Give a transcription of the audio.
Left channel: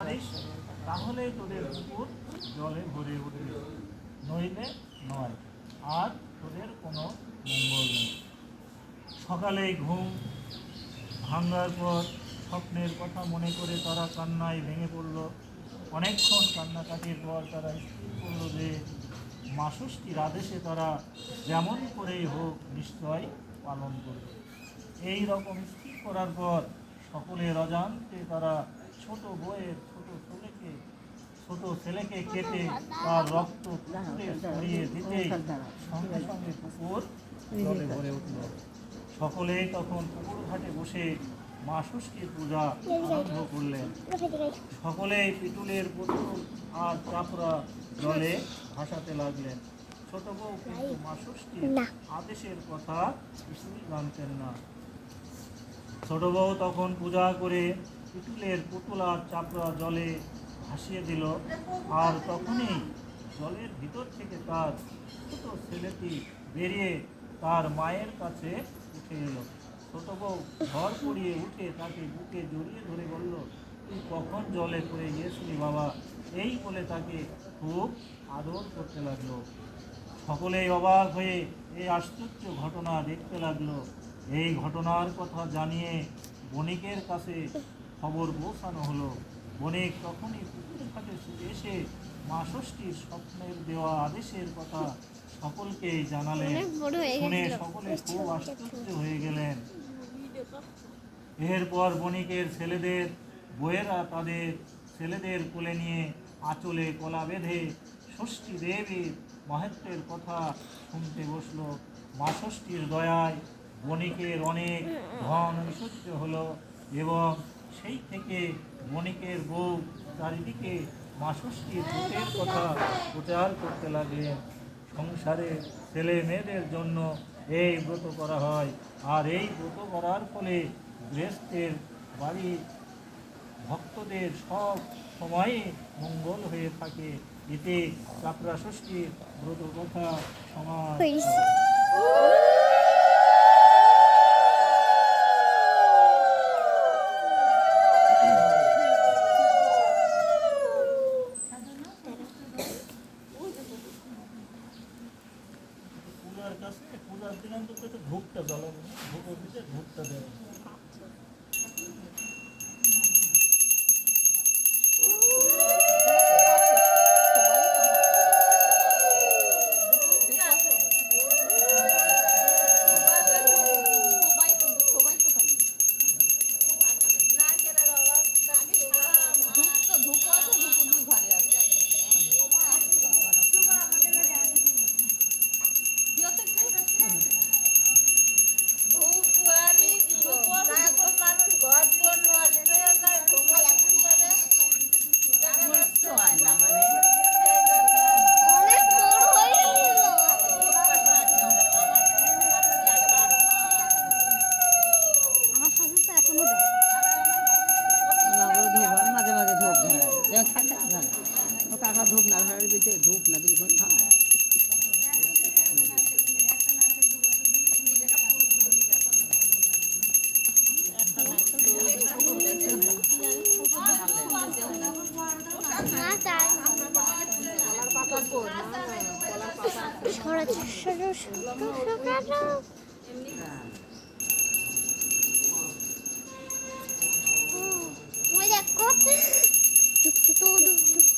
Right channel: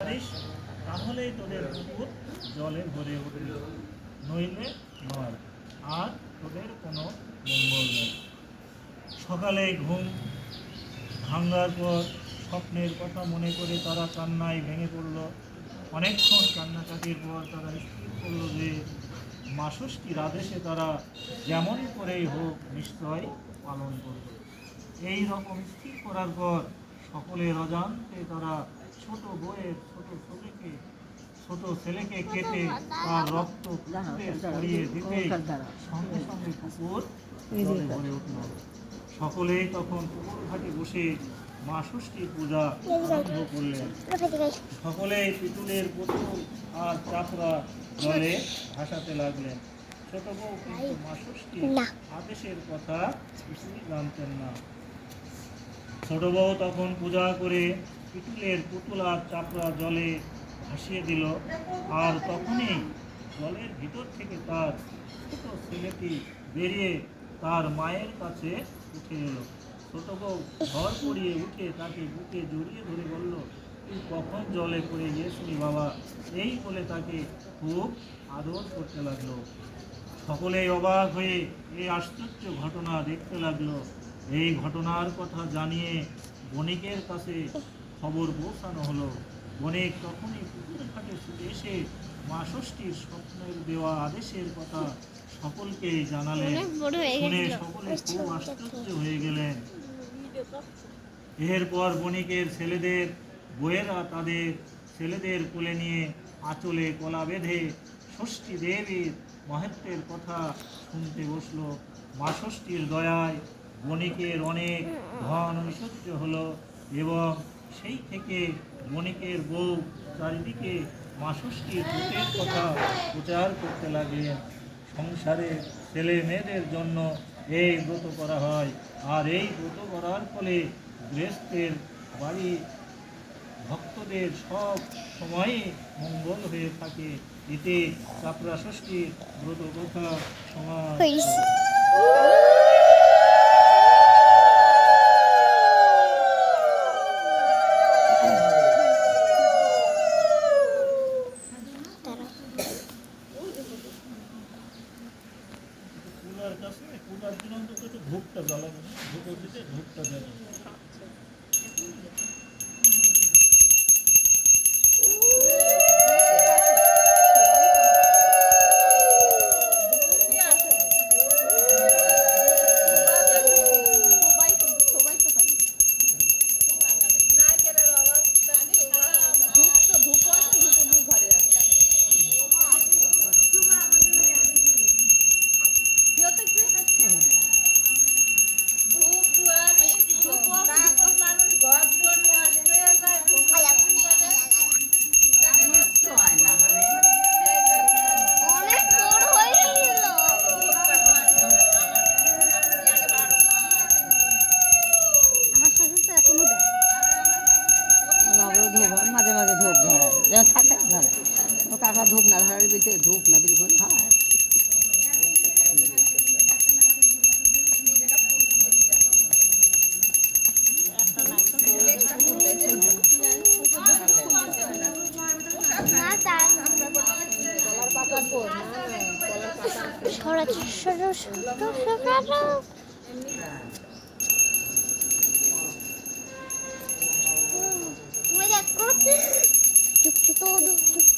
পারিস তাহলেই তোদের পুকুর জলে ভরে উঠবে, নইলে নয়, আর তোদের কোনো মঙ্গল নেই। সকালে ঘুম ভাঙার পর স্বপ্নের কথা মনে করে তারা কান্নায় ভেঙে পড়ল। অনেকক্ষণ কান্নাকাটির পর তারা স্থির করল যে মা ষষ্ঠীর আদেশে তারা যেমন করেই হোক নিশ্চয় পালন করবে। এই রকম স্থির করার পর সকলের অজান্তে তারা ছোট বউয়ের ছোট ছেলেকে কেটে তার রক্ত পুকুরে ছড়িয়ে দিতে সঙ্গে সঙ্গে পুকুর জলে ভরে উঠল। সকলেই তখন পুকুর ঘাটে বসে মা ষষ্ঠীর পূজা আরম্ভ করলেন। সকলেই পিতুলের পুতুল আর চাপড়া জলে ভাসাতে লাগলেন। ছোট বউ কিন্তু মা ষষ্ঠীর আদেশের কথা কিছুই জানতেন না। ছোট বউ তখন পূজা করে পিতুলের পুতুল আর চাপড়া জলে ভাসিয়ে দিল। আর তখনই জলের ভিতর থেকে তার ছোট ছেলেটি বেরিয়ে তার মায়ের কাছে উঠে এলো। ছোট বউ ঘর পড়িয়ে উঠে তাকে বুকে জড়িয়ে ধরে বলল, তুই কখন জলে পড়ে গিয়েছিলি বাবা? এই বলে তাকে খুব আদর করতে লাগলো। সকলেই অবাক হয়ে এই আশ্চর্য ঘটনা দেখতে লাগলো। এই ঘটনার কথা জানিয়ে বণিকের কাছে খবর পৌঁছানো হলো। বণিক তখনই পুকুর ঘাটে ছুটে এসে মা ষষ্ঠীর স্বপ্নের দেওয়া আদেশের কথা সকলকেই জানালেন। শুনে সকলে খুব আশ্চর্য হয়ে গেলেন। এরপর বণিকের ছেলেদের বউয়েরা তাদের ছেলেদের কোলে নিয়ে আঁচলে কলা বেঁধে ষষ্ঠী দেবীর মাহাত্ম্যের কথা শুনতে বসলো। মা ষষ্ঠীর দয়ায় বণিকের অনেক ধন ঐশ্বর্য হলো এবং সেই থেকে বণিকের বউ চারিদিকে মা ষষ্ঠীর ব্রতের কথা প্রচার করতে লাগলেন। সংসারে ছেলে মেয়েদের জন্য এই ব্রত করা হয়, আর এই ব্রত করার ফলে গৃহস্থের বাড়ি ভক্তদের সব সময়ে মঙ্গল হয়ে থাকে। এতে চাপড়া ষষ্ঠীর ব্রত কথা সমাজ। পূজার দিন অন্তত একটু ধূপটা জ্বালাবো, ধূপ দিতে ধূপটা দেবে। মাঝে মাঝে ধূপ ধরা যেমন থাকে ধরা ও কাকা ধূপ না ধরার ভিতরে ধূপ না দিলে হয়। চুপ চুপ